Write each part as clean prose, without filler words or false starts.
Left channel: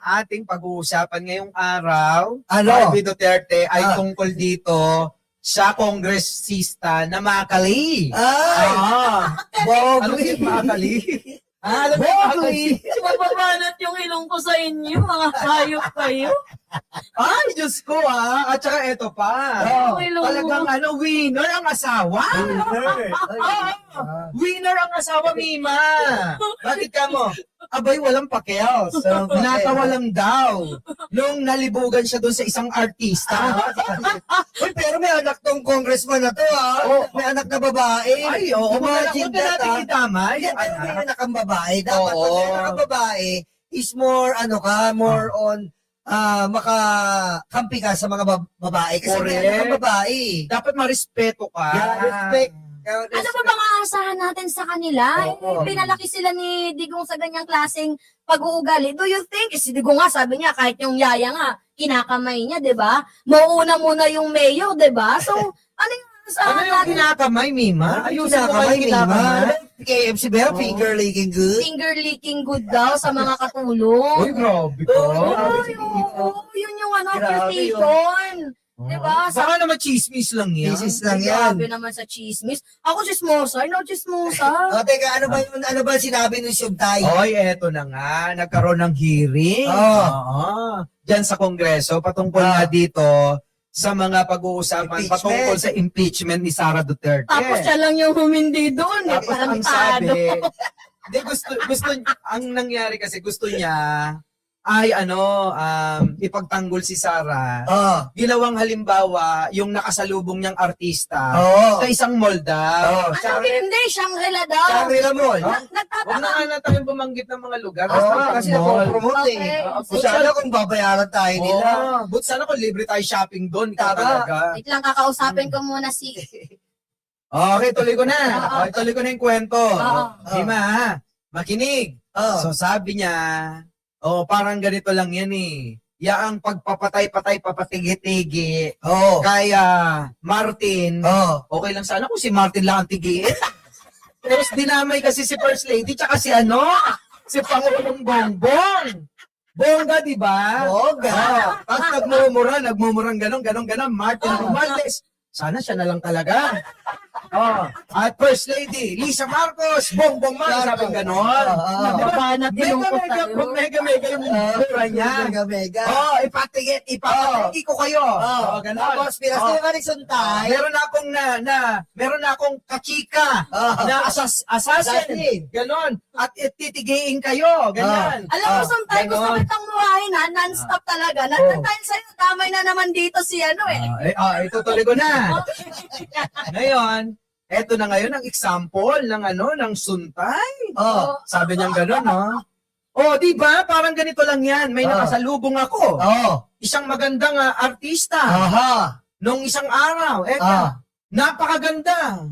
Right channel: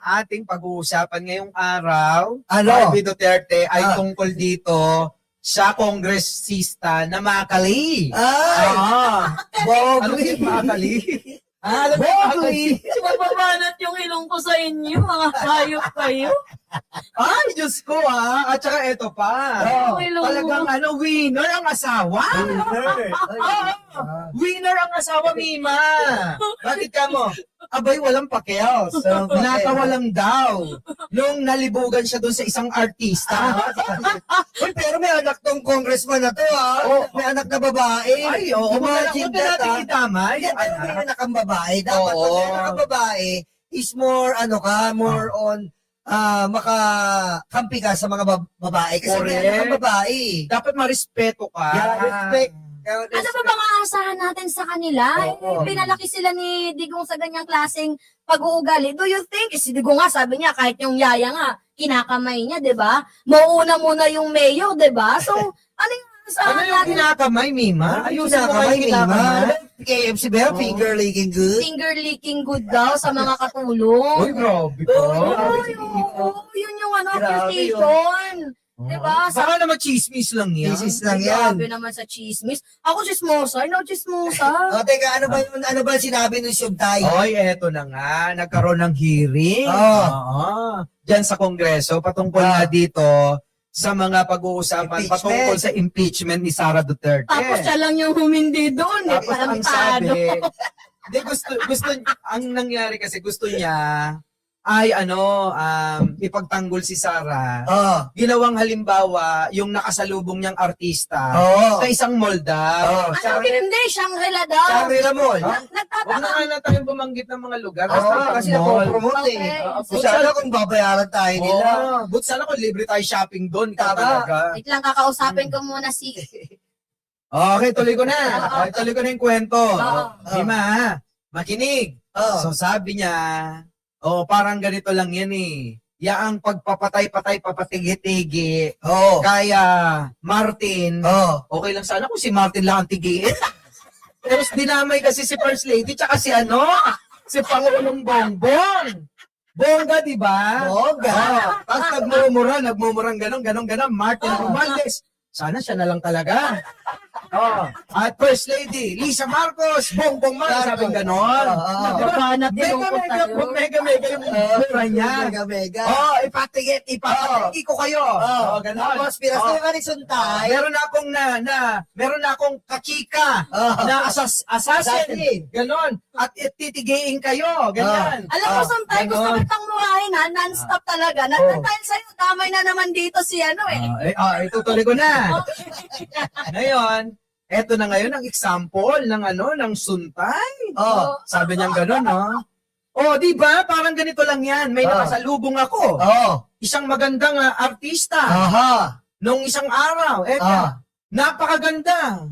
Ating pag-uusapan ngayong araw, Ano? Harvey Duterte ay tungkol dito sa kongresista na Makali. Ay! Ano Bogli! yung Makali? Alam mo Bogli! Mababanat yung ilong ko sa inyo, mga hayop kayo. Ay, Diyos ko At saka eto pa. Oh, Talagang winner ang asawa. Winner ang asawa, Mima. Bakit ka mo? Abay, walang pakios. Natawa lang daw. Nung nalibugan siya doon sa isang artista. Uy, pero may anak tong congressman na to, Oo. May anak na babae. Ay, oo. Imagine Huwag na that, natin itama. Yan, pero may Anak. anak ang babae. Dapat Oo. pag may anak ang babae, is more, more on, makakampi ka sa mga babae. Kasi may Correct. anak ang babae. Dapat marespeto ka. Yeah, respect. Ano ba bang aasahan natin sa kanila? Oo. Pinalaki sila ni Digong sa ganyang klaseng pag-uugali. Do you think? Si Digong nga, sabi niya, kahit yung yaya nga, kinakamay niya, di ba? Mauuna muna yung mayor, di ba? So, ano yung Ano aasahan yung natin? kinakamay, Mima? Ayusin mo kayo, Mima. KFC ba? Finger licking good? Finger licking good daw sa mga katulong. Uy, grabe ka. Ay, oo, yun yung Grabe accusation. Di ba? Baka naman chismis lang yan. Thesis lang yan. Grabe naman sa chismis. Ako chismosa, no chismosa. O, teka, ano ba sinabi ng Siyugtay? Oy, eto na nga. Nagkaroon ng hearing. Oo. Diyan sa Kongreso, patungkol na dito sa mga pag-uusapan Impeachment. patungkol sa impeachment ni Sara Duterte. Tapos siya lang yung humindi doon. Tapos ang Parang sabi, di gusto, ang nangyari kasi gusto niya ay ipagtanggol si Sara. Oo. Ginawang halimbawa yung nakasalubong niyang artista Oo. sa isang mall daw. Oo. Ano hindi? Shangri-La daw. Shangri-La Mall. Huwag na Nagtataka. nga na tayong bumanggit ng mga lugar. Oo, Basta kasi mall. napopromote eh. Okay. Kung sana kung babayaran tayo nila. But sana kung libre tayo shopping doon. Ikaw Tama. talaga. Wait lang, kakausapin ko muna si... Okay, tuloy ko na. Oo. Okay, tuloy ko na yung kwento. Oo. Dima, makinig. Oo. So sabi niya, parang ganito lang yan eh. Yaang pagpapatay-patay, papatigi-tigi. Oo. Kaya Martin, Oo. okay lang sana kung si Martin lang ang tigiin. Pero dinamay kasi si First Lady, tsaka si si Pangulong Bongbong. Bongga, di ba? Bongga. Tapos nagmumurang ganon, Martin Romualdez. Sana siya na lang talaga. At First Lady, Lisa Marcos, Bongbong Marcos, sabi ganon. Babanat yung lungkot tayo. Mega yung mura niya. Mega. Ipatigi ko kayo. Ganon. Tapos, pinasama ni Suntay. Meron na akong kachika na assassin. Ganon. At titigiin kayo. Ganon. Alam mo, sometimes gusto Ganon. kitang murahin ha, non-stop talaga. Dahil sa'yo, damay na naman dito si Itutuloy ko na. Ngayon, eto na ngayon ang example ng Suntay. Sabi niya gano'n, no? Di ba? Parang ganito lang yan. May nakasalubong ako. Isang magandang artista. Nung isang araw. Napakaganda.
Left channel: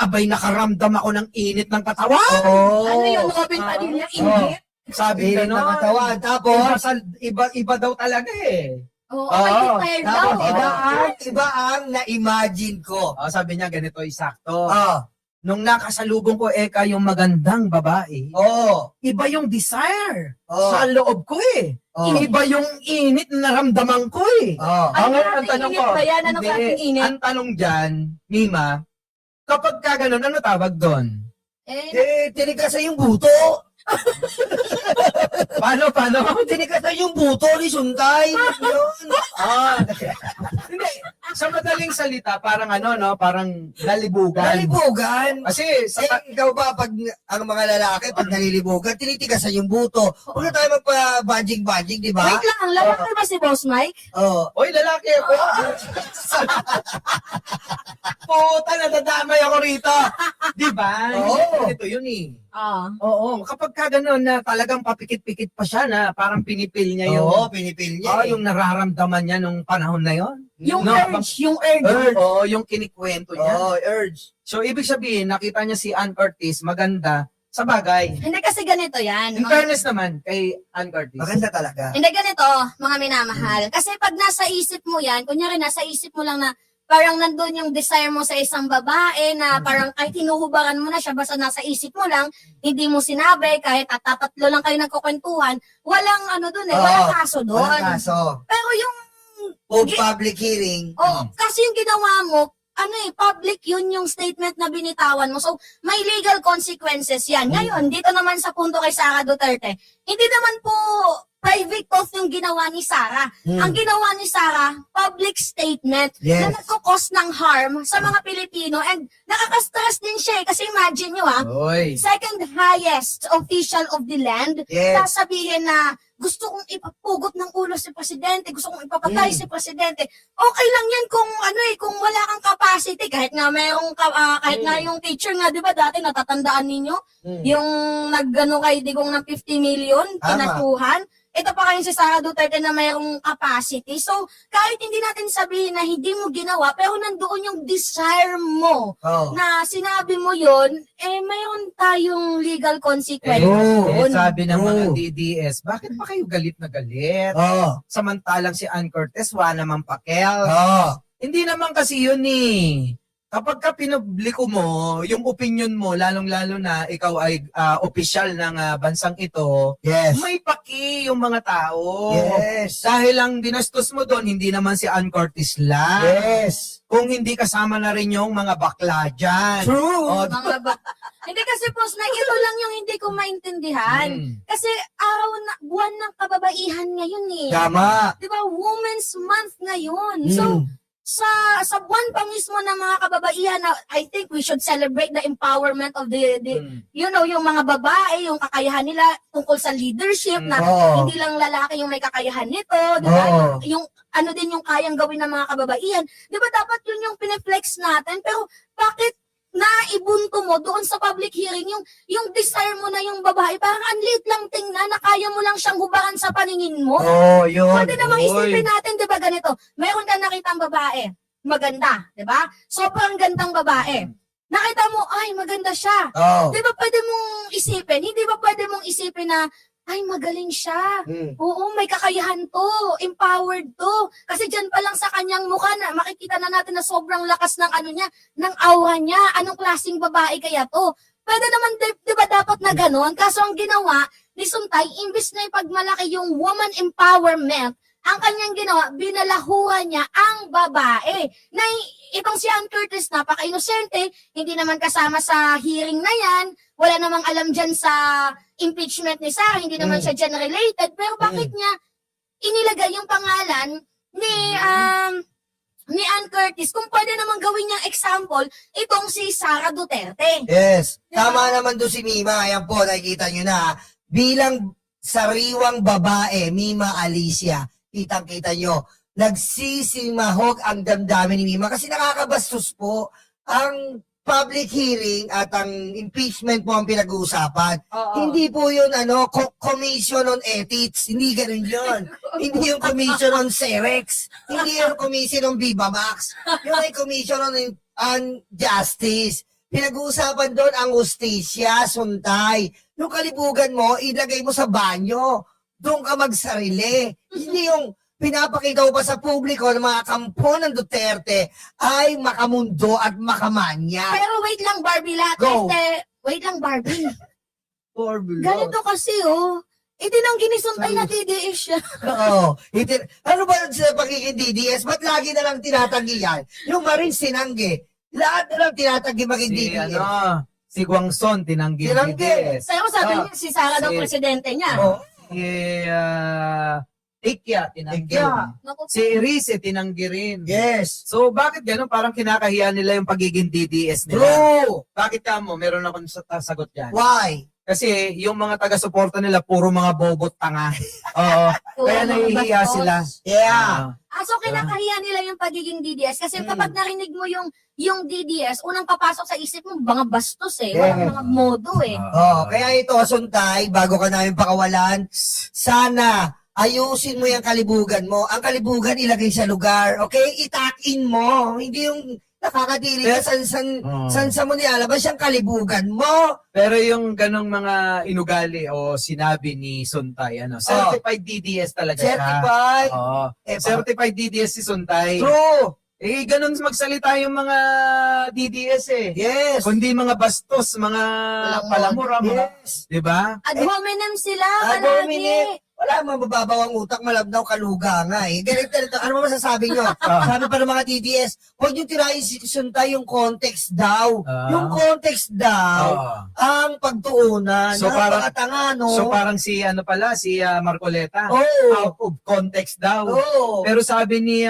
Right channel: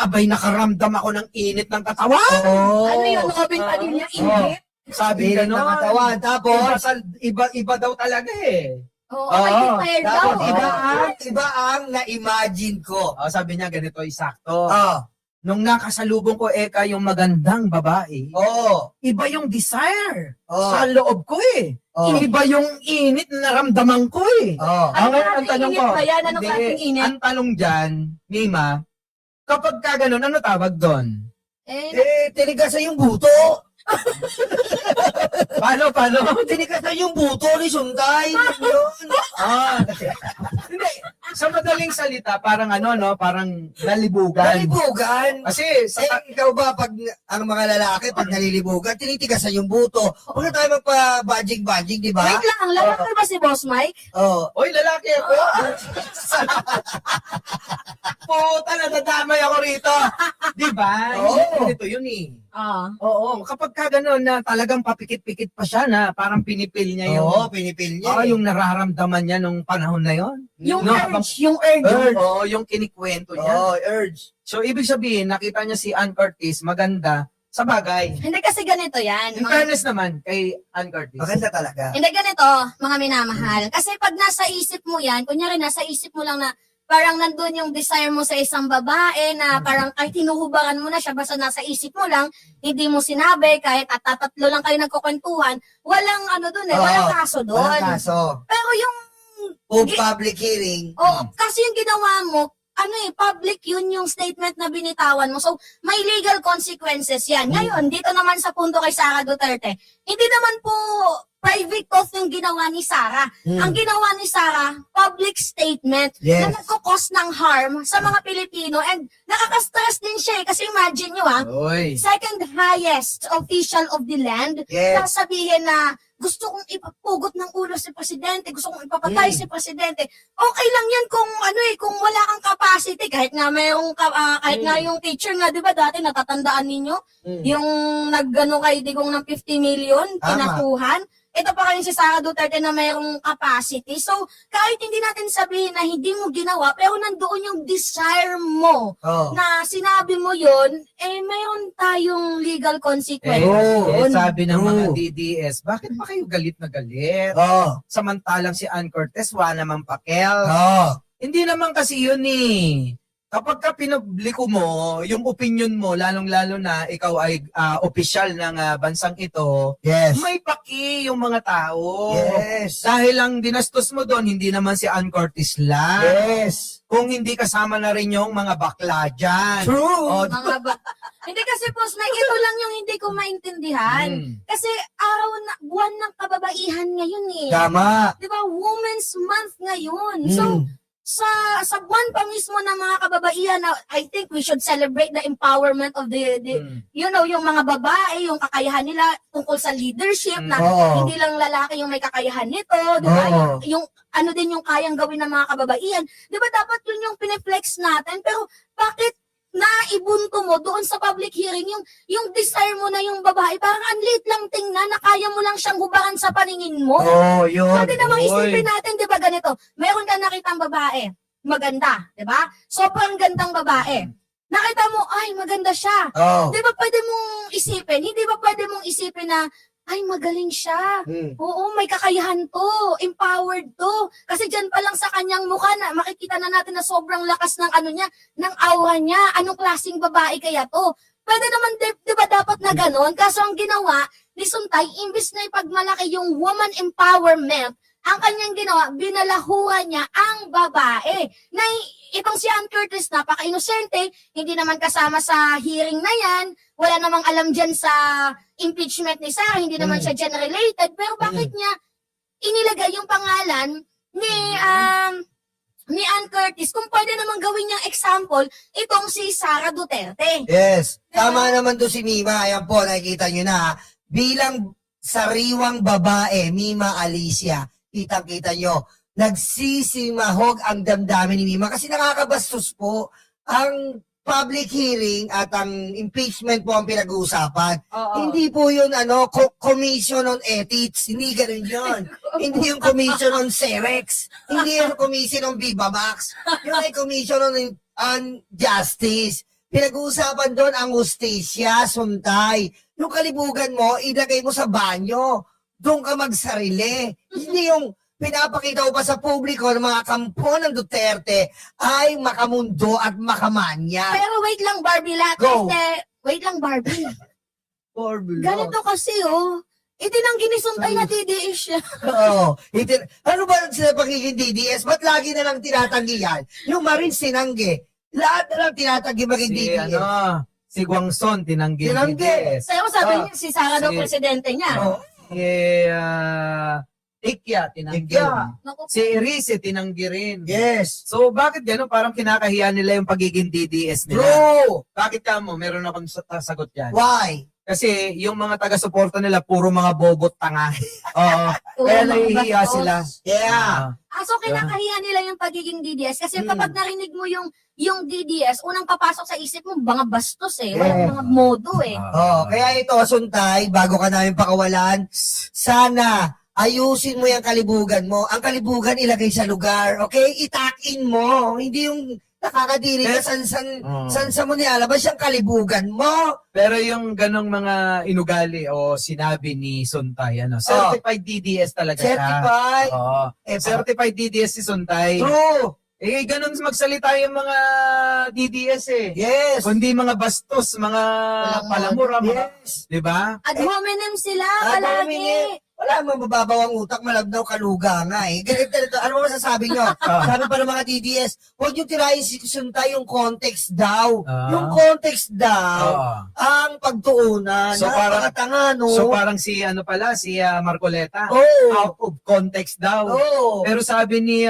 Abay, nakaramdam ako ng init ng katawan. Ano yun, Robin Padilla, init? Sabi Init ng gano'n. katawan. Tapos, Iba daw talaga eh. Oo, Oo. mag-declare daw. tapos iba ang na-imagine ko. Sabi niya ganito, isakto. Ah. Nung nakasalubong ko, yung magandang babae, iba yung desire sa loob ko eh. Iba yung init na naramdaman ko eh. Ano Ang klaseng tanong init ko, ba yan? Anong hindi, klaseng init? ang tanong dyan, Mima, kapag ka ganun, ano tawag doon? Tinigasan yung buto. Paano? Tinigasan yung buto ni Suntay. Yun. Hindi. Sa madaling salita, parang parang nalibugan. Nalibugan. Kasi Ikaw ba, pag ang mga lalaki, pag nalilibugan, tinitigasan yung buto. Huwag na tayo magpa-badging-badging, di ba? Wait lang, lalaki ba si Boss Mike? Oy, lalaki ako. Puta, nadadamay ako rito. Di ba? Oo. Ito yun eh. Oo. Kapag ka gano'n na talagang papikit-pikit pa siya na parang pinipil niya yung, pinipil niya. yung nararamdaman niya nung panahon na yon. Yung No, urge, yung urge. Yung kinikwento niya. Urge. So, ibig sabihin, nakita niya si Ann Curtis, maganda, sa bagay. Hindi kasi ganito yan. In fairness naman, kay Ann Curtis. Maganda talaga. Hindi ganito, mga minamahal. Kasi pag nasa isip mo yan, kunyari nasa isip mo lang na parang nandun yung desire mo sa isang babae na parang kahit hinuhubaran mo na siya, basta nasa isip mo lang, hindi mo sinabi, kahit at tatatlo lang kayo nagkukwentuhan, walang ano dun walang kaso doon. Walang kaso. Pero yung, O public hearing. kasi yung ginawa mo, public yun yung statement na binitawan mo. So, may legal consequences yan. Ngayon, dito naman sa punto kay Sara Duterte, hindi naman po private post yung ginawa ni Sara. Ang ginawa ni Sara, public statement Yes. na nagkukos ng harm sa mga Pilipino and nakaka-stress din siya kasi imagine nyo Oy. second highest official of the land, Yes. sasabihin na gusto kong ipapugot ng ulo si Presidente, gusto kong ipapatay si Presidente. Okay lang yan kung kung wala kang capacity, kahit nga kahit nga yung teacher nga, di ba dati natatandaan ninyo? Yung nagano kay Digong ng 50 million, Tama. pinatuhan. Ito pa kayo si Sara Duterte na mayroong capacity. So, kahit hindi natin sabihin na hindi mo ginawa, pero nandoon yung desire mo Oh. na sinabi mo yon, mayroon tayong legal consequence. Sabi ng mga Oo. DDS, bakit pa kayo galit na galit? Oh. Samantalang si Ann Cortez, wala naman pakel. Oh. Hindi naman kasi yun eh. Kapag ka pinubliko mo, yung opinion mo, lalong-lalo na ikaw ay opisyal ng bansang ito, Yes. may paki yung mga tao. Yes. Dahil ang dinastos mo doon, hindi naman si Ann Cortez lang. Yes. Kung hindi kasama na rin yung mga bakla dyan. True. O, Hindi kasi boss, ito lang yung hindi ko maintindihan. Kasi buwan ng kababaihan ngayon eh. Tama. Di ba? Women's Month ngayon. So, sa buwan pa mismo ng mga kababaihan, I think we should celebrate the empowerment of the yung mga babae, yung kakayahan nila tungkol sa leadership na Oo. hindi lang lalaki yung may kakayahan nito, di ba? Oo. Yung ano din yung kayang gawin ng mga kababaihan. Di ba dapat yun yung pineflex natin? Pero bakit naibunto mo doon sa public hearing yung desire mo na yung babae, parang ang liit lang tingnan na kaya mo lang siyang hubaran sa paningin mo? Oh, yun. Pwede namang Oy. isipin natin, di ba ganito? Mayroon ka nakitang babae, maganda, di ba? Sobrang gandang babae. Nakita mo, ay, maganda siya. Oh. Di ba pwede mong isipin? Hindi ba pwede mong isipin na, ay, magaling siya. Oo, may kakayahan to. Empowered to. Kasi dyan pa lang sa kanyang mukha na, makikita na natin na sobrang lakas ng niya, ng aura niya. Anong klaseng babae kaya to? Pwede naman, di ba dapat na ganon? Kaso ang ginawa ni Suntay, imbis na ipagmalaki yung woman empowerment, ang kanyang ginawa, binalahuran niya ang babae. Na itong si Ann Curtis, napaka-inosente, hindi naman kasama sa hearing na yan, wala namang alam dyan sa impeachment ni Sarah, hindi naman siya dyan related, pero bakit niya inilagay yung pangalan ni Ann Curtis kung pwede naman gawin niyang example itong si Sara Duterte? Yes. Diba? Tama naman to si Mima. Ayan po, nakikita nyo na. Bilang sariwang babae, Mima Alicia, kitang-kita nyo, nagsisimahog ang damdamin ni Mima kasi nakakabastos po ang public hearing at ang impeachment po ang pinag-uusapan. Hindi po yun, Commission on Ethics. Hindi ganun yun. Hindi yung Commission on Cerex. Hindi yung Commission on Viva Max. Yung ay Commission on Justice. Pinag-uusapan doon ang hustisya, suntay. Yung kalibugan mo, ilagay mo sa banyo. Doon ka magsarili. Hindi yung pinapakita ko pa sa publiko ng mga kampo ng Duterte ay makamundo at makamanya. Pero wait lang, Barbie, lahat Go. wait lang, Barbie. Ganito kasi, itinanggi ni Suntay na DDS siya. Oo. Ano ba sa pagiging DDS? Ba't lagi na lang tinatanggi yan? Yung Marines tinanggi. Lahat na lang tinatanggi maging DDS. Si Guangson, tinanggi Tinanggi. DDS. Pero sabi niya, si Sara daw presidente niya. Oh. Ikya, tinanggi. Ikya. Naku, Si Erice, tinanggi rin. Yes. So, bakit gano'n? Parang kinakahiya nila yung pagiging DDS nila. True. Bakit ka mo? Meron akong sagot yan. Why? Kasi yung mga taga-suporta nila, puro mga bobot tanga. Oo. Kaya mga nahihiya bastos. sila. Yeah. So kinakahiya nila yung pagiging DDS kasi kapag narinig mo yung DDS, unang papasok sa isip mo, mga bastos Yeah. mga modo Kaya ito, Suntay, bago ka namin pakawalan, sana ayusin mo yung kalibugan mo. Ang kalibugan ilagay sa lugar, okay? Itakin mo. Hindi yung nakakadiri ka san mo nilalabas yung kalibugan mo. Pero yung ganong mga inugali o sinabi ni Suntay, certified DDS talaga siya. Certified. Oo. Certified DDS si Suntay. True. Eh, ganun magsalita yung mga DDS eh. Yes. Kundi mga bastos, mga Walang palamura, mga, Yes. di ba? Ad hominem sila Ad palagi. hominem. Wala mang mababaw ang utak, malabnaw kaluga nga eh. Ganito, ano ba masasabi nyo? Ah. Sabi pa ng mga DDS, huwag nyo tirahin si Suntay yung context daw. Ah. Yung context daw, Oo. ang pagtuunan. So, parang- Napakatanga, no? So parang si si Marcoleta, Oo. out of context daw. Oo. Pero sabi ni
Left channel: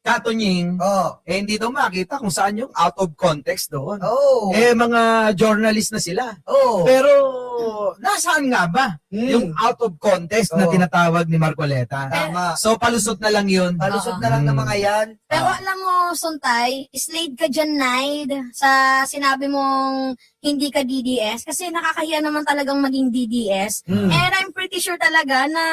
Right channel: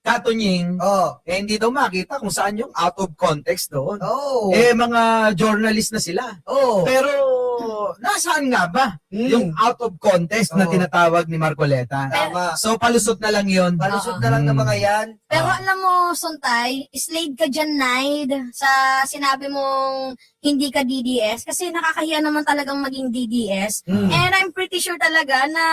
Katunying, Oo. hindi daw makita kung saan yung out of context doon. Oo. Eh, mga journalist na sila. Oo. Pero, nasaan nga ba yung out of context na Oo. tinatawag ni Marcoleta? Tama. So, palusot na lang yun. Palusot na lang ng mga yan. Pero alam mo, Suntay, slade ka dyan, Naid, sa sinabi mong hindi ka DDS. Kasi nakakahiya naman talagang maging DDS. Mm. And I'm pretty sure talaga na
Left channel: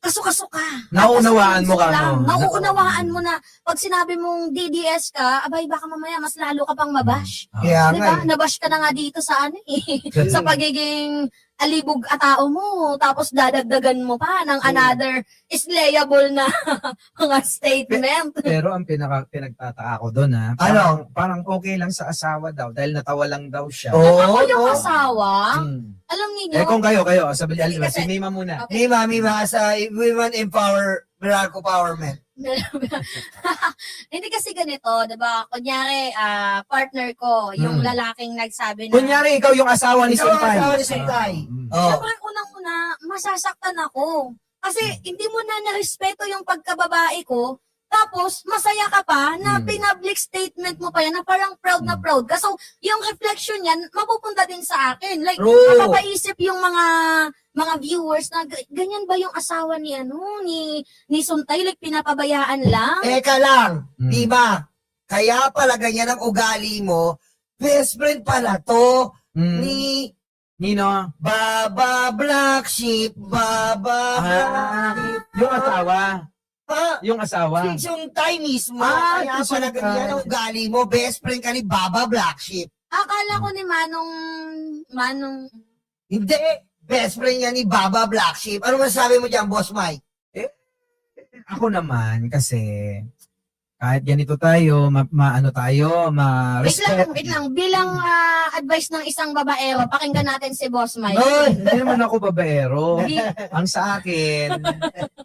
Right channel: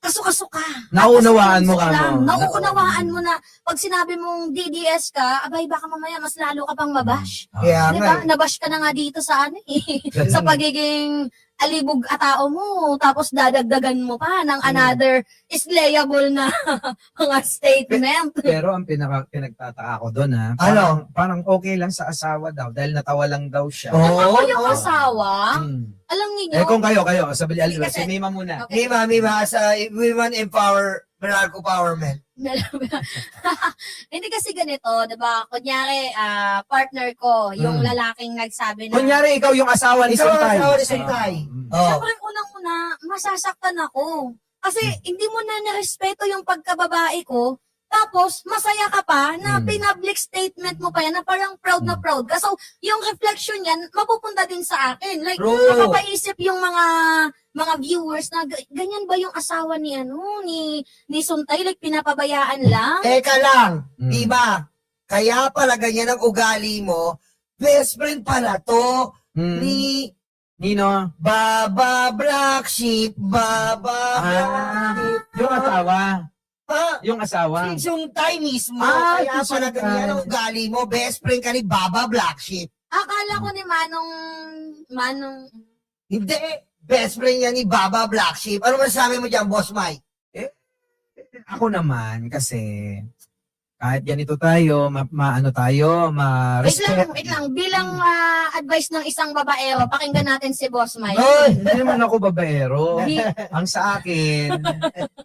kaso-kaso ka. Nauunawaan mo ka, Lang. no? Nauunawaan mo na pag sinabi mong DDS ka, abay baka mamaya mas lalo ka pang mabash. Kaya Di nga ba? eh. Nabash ka na nga dito sa ano eh. sa pagiging alibog atao mo. Tapos dadagdagan mo pa ng another slayable na mga statement. Pero ang pinagtataka ko doon Ano? parang okay lang sa asawa daw dahil natawa lang daw siya. Oo. Ako yung asawa, Hmm. alam niyo, Eh kung kayo, sabi Hindi niya, kasi- si Mima muna. Okay. Mima, as a women empower, Meralco Powerment. hindi kasi ganito, 'di ba? Kunyari, partner ko, yung Mm. lalaking nagsabi na Kunyari, ikaw yung asawa ni Ikaw ang Suntay. asawa ni Suntay. Oh. Siyempre, unang-una, masasaktan ako. Kasi hindi mo na narespeto yung pagkababae ko. Tapos, masaya ka pa na Mm. pinpublic statement mo pa yan na parang proud na proud ka. So, yung reflection yan, mapupunta din sa akin. Like, True. mapapaisip yung mga viewers na ganyan ba yung asawa ni ni Suntay? Like, pinapabayaan lang? Teka lang, Mm. Mima. Kaya pala ganyan ang ugali mo. Best friend pala to Hmm. ni Nino? Baba Black Sheep. Baba Black Sheep. Yung asawa. Ha? Yung asawa. Si Suntay mismo. Ah, Kaya si pala Suntay. ganyan ang ugali mo. Best friend ka ni Baba Black Sheep. Akala ko ni Manong, Hindi. Best friend niya ni Baba Black Sheep. Ano masasabi mo dyan, Boss Mike? Ako naman, kasi kahit ganito tayo, ma-respect. wait lang, bilang advice ng isang babaero, pakinggan natin si Boss Mike. Hoy! Hindi naman ako babaero. Di- Ang sa akin,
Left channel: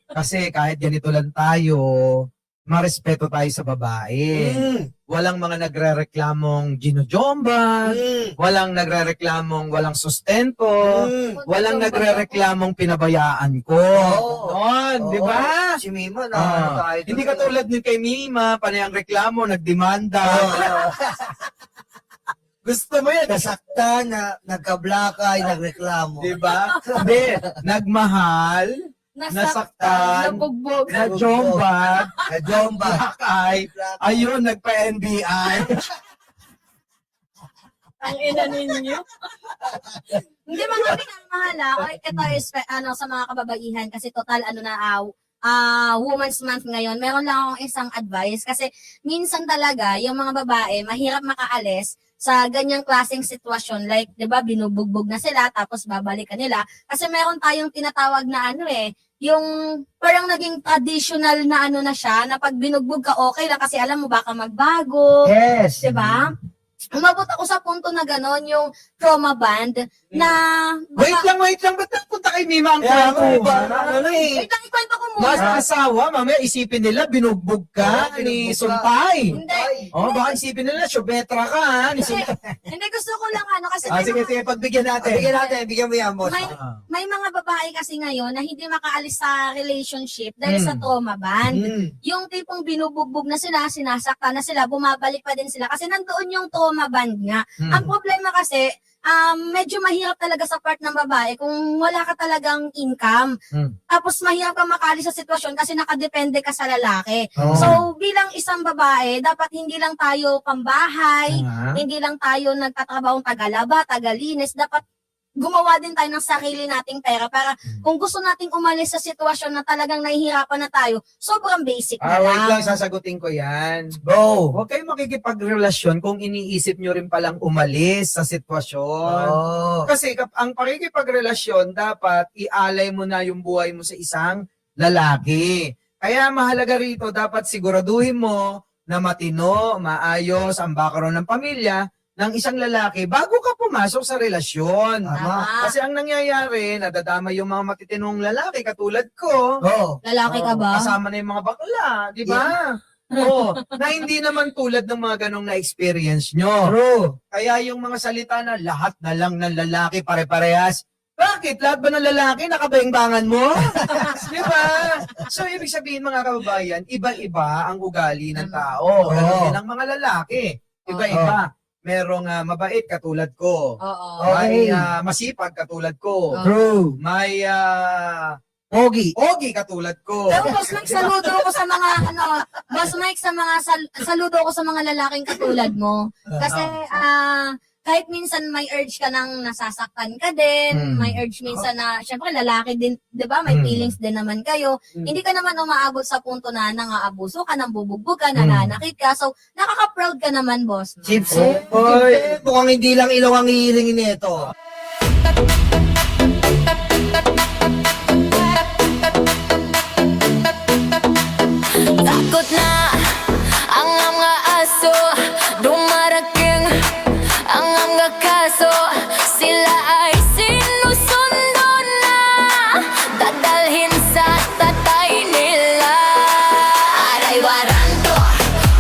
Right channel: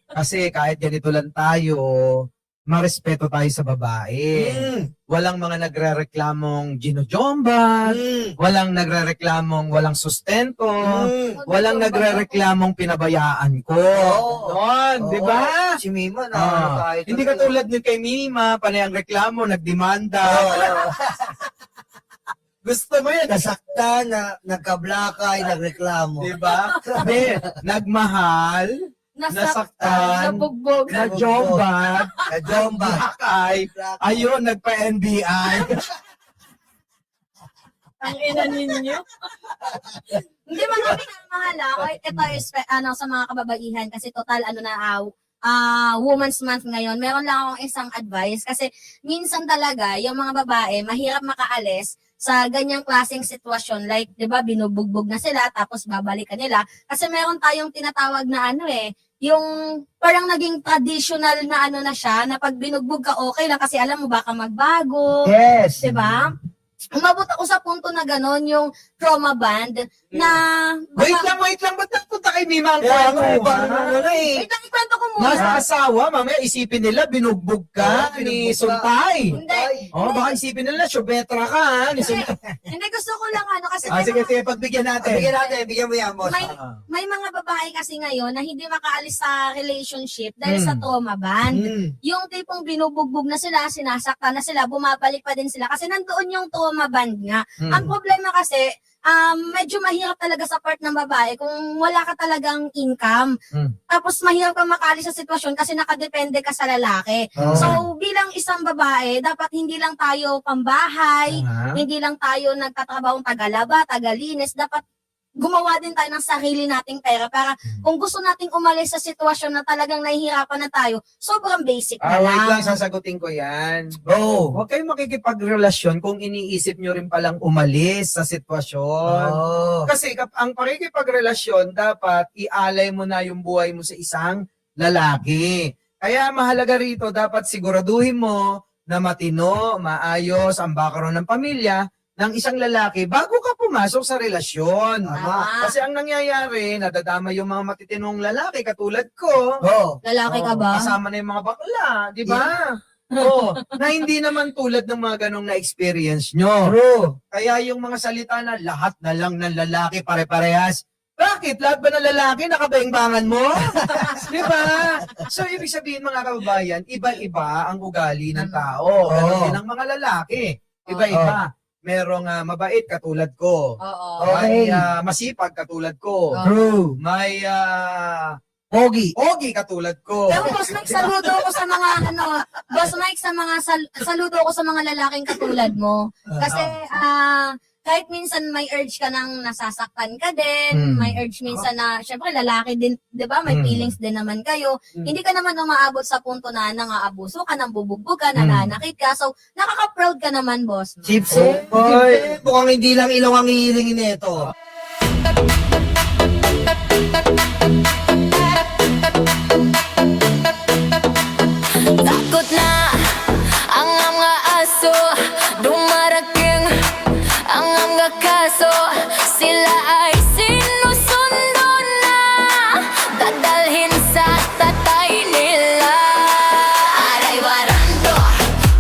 kasi kahit ganito lang tayo, marespeto tayo sa babae. Mm. Walang mga nagre-reklamong ginojomba, walang nagre-reklamong walang sustento, walang nagre-reklamong pinabayaan ko. Oo. Noon, di ba? Si Mima na Ah, tayo. hindi katulad ni kay Mima, panay ang reklamo, nagdemanda. Oo. Gusto mo yan, Nasaktan, nagkablakay, nagreklamo. di ba? Hindi, nagmahal, nasaktan, nabugbog. najomba, Kajomba. black eye, ayun, nagpa-NBI. Ang ina ninyo. Hindi man kami namahala. Ito is, sa mga kababaihan, kasi total, Women's Month ngayon, meron lang akong isang advice kasi minsan talaga yung mga babae mahirap makaalis sa ganyang klaseng sitwasyon, like 'di ba binubugbog na sila tapos babalikan nila kasi meron tayong tinatawag na yung parang naging traditional na na siya na pag binugbog ka okay lang kasi alam mo baka magbago, Yes. 'di ba? Umabot ako sa punto na gano'n, yung trauma band na Wait lang, ba't napunta kay Mima ang Kaya kwento? ano eh. Wait lang, ikwento ko muna. Nasa asawa, mamaya isipin nila, binugbog ka Oo, ni binugbog ka. Suntay. Hindi. Oh, baka isipin nila, syubetra ka ha, ni Hindi, Suntay. hindi gusto ko lang kasi Sige, pagbigyan natin. Bigyan mo yan, boss. may, Ah. may mga babae kasi ngayon na hindi makaalis sa relationship dahil sa Mm. trauma band. Mm. Yung tipong binubugbog na sila, sinasaktan na sila, bumabalik pa din sila kasi nandoon yung trauma band nga. Hmm. Ang problema kasi, medyo mahirap talaga sa part ng babae kung wala ka talagang income. Mm. Tapos mahirap ka makaalis sa sitwasyon kasi nakadepende ka sa lalaki. Oo. So bilang isang babae, dapat hindi lang tayo pambahay, Ah. hindi lang tayo nagtatrabahong tagalaba, tagalinis, dapat gumawa din tayo ng sarili nating pera para kung gusto nating umalis sa sitwasyon na talagang nahihirapan na tayo, sobrang basic na Wait lang. lang, sasagutin ko yan. Go. Huwag kayong makikipagrelasyon kung iniisip nyo rin palang umalis sa sitwasyon. Oh. Kasi ang pakikipagrelasyon, dapat ialay mo na yung buhay mo sa isang lalaki. Kaya mahalaga rito, dapat siguraduhin mo na matino, maayos ang background ng pamilya ng isang lalaki bago ka pumasok sa relasyon. Tama. Kasi ang nangyayari, nadadama yung mga matitinong lalaki katulad ko. Oh. Lalaki ka ba? Kasama na yung mga bakla, di ba? Oo, na hindi naman tulad ng mga ganong na-experience nyo. True. Kaya yung mga salita na lahat na lang ng lalaki pare-parehas. Bakit? Lahat ba ng lalaki nakabaingbangan mo? Di ba? So, ibig sabihin mga kababayan, iba-iba ang ugali ng tao. Ganun din ang mga lalaki. Iba-iba. Merong mabait katulad ko. Oo. May masipag katulad ko. True. May Pogi. pogi katulad ko. Pero Boss Mike, saludo ko sa mga Boss Mike, sa mga saludo ko sa mga lalaking katulad mo. Kasi kahit minsan may urge ka nang nasasaktan ka din, may urge minsan na, syempre lalaki din, di ba, may feelings din naman kayo. Hindi ka naman umaabot sa punto na nangaabuso ka, nang bubugbog ka, nananakit ka. So, nakaka-proud ka naman, Boss Mike. Chips. Oy. Mukhang hindi lang ilong ang hihilingin nito. Takot na ang mga aso, dumarating ang mga kaso. Sila ay sinusundo na, dadalhin sa tatay nila. Aray waranto,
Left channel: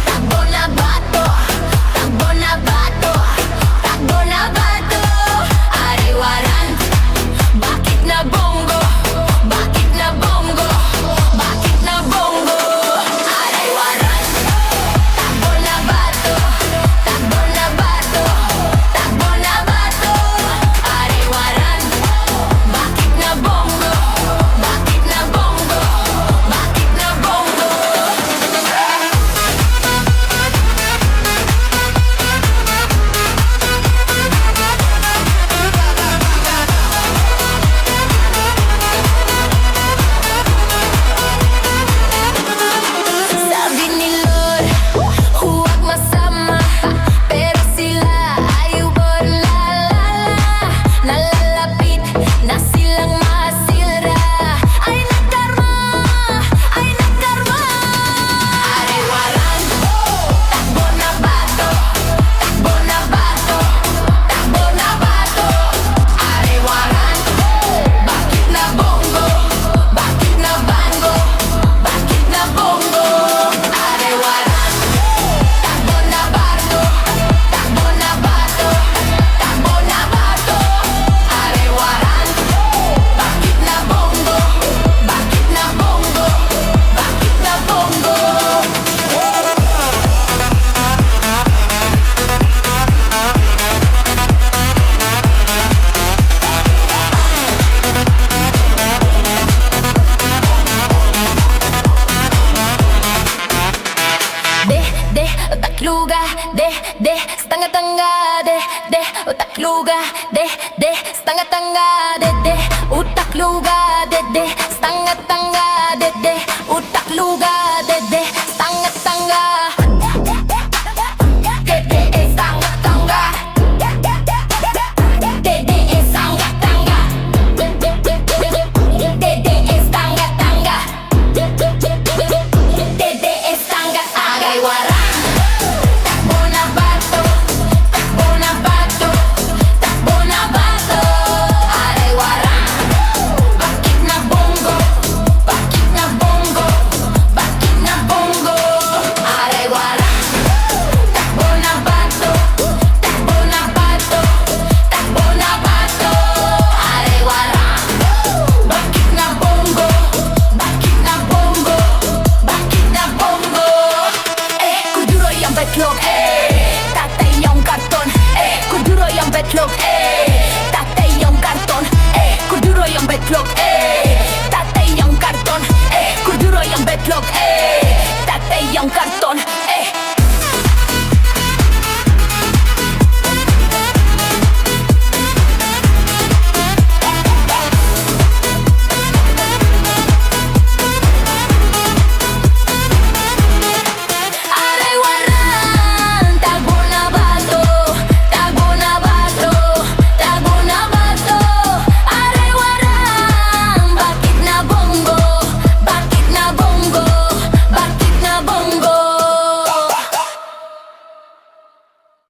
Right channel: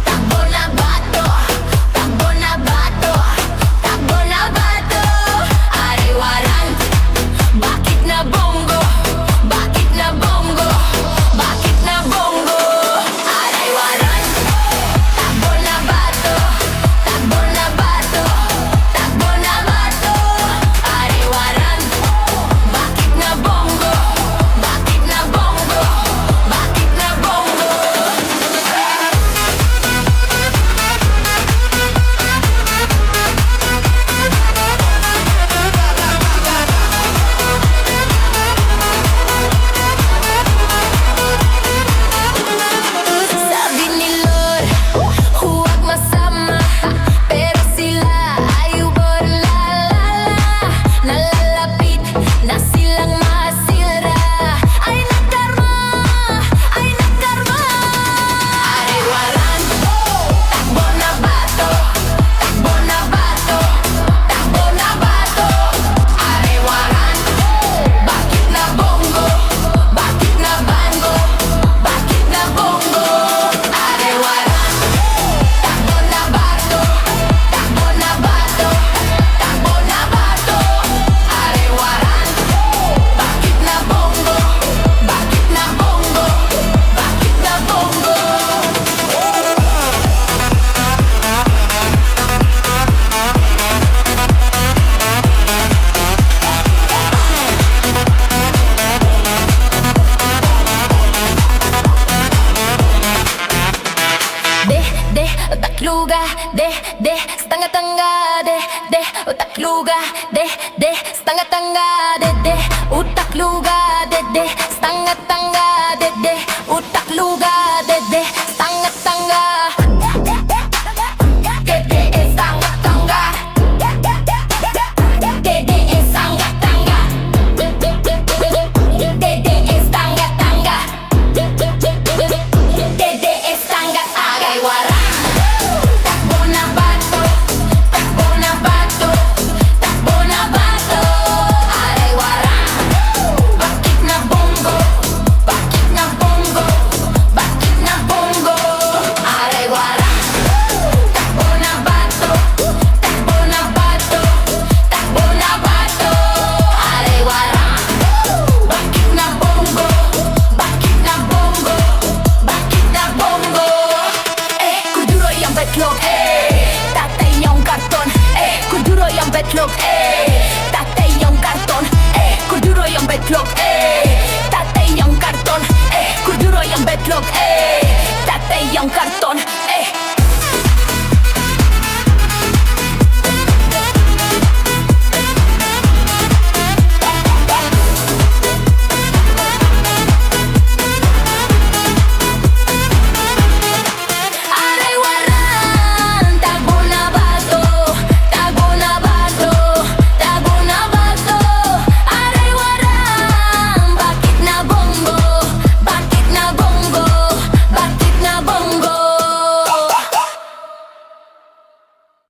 takbo na bato, takbo na bato, takbo na bato. Aray waranto, bakit na bongo, bakit na bongo, bakit na bongo. Aray waranto, takbo na bato, takbo na bato, takbo na bato. Aray waranto, bakit na bongo, bakit na bongo, bakit na bongo. Sabi ni Lord, huwag masama, pero sila ay nalalapit na silang masira. Ay nagkarma, ay nagkarma. Aray waranto, takbo na bato, takbo na bato, takbo na bato. Aray waranto, bakit na bongo, bakit na bango, bakit na bongo. Aray waranto, takbo na bato, takbo na bato, takbo na bato. Aray waranto, bakit na bongo, bakit na bongo, bakit na bongo. Utakluga, stanga-tanga, utakluga, stanga-tanga, utakluga, stanga-tanga, utakluga, stanga-tanga.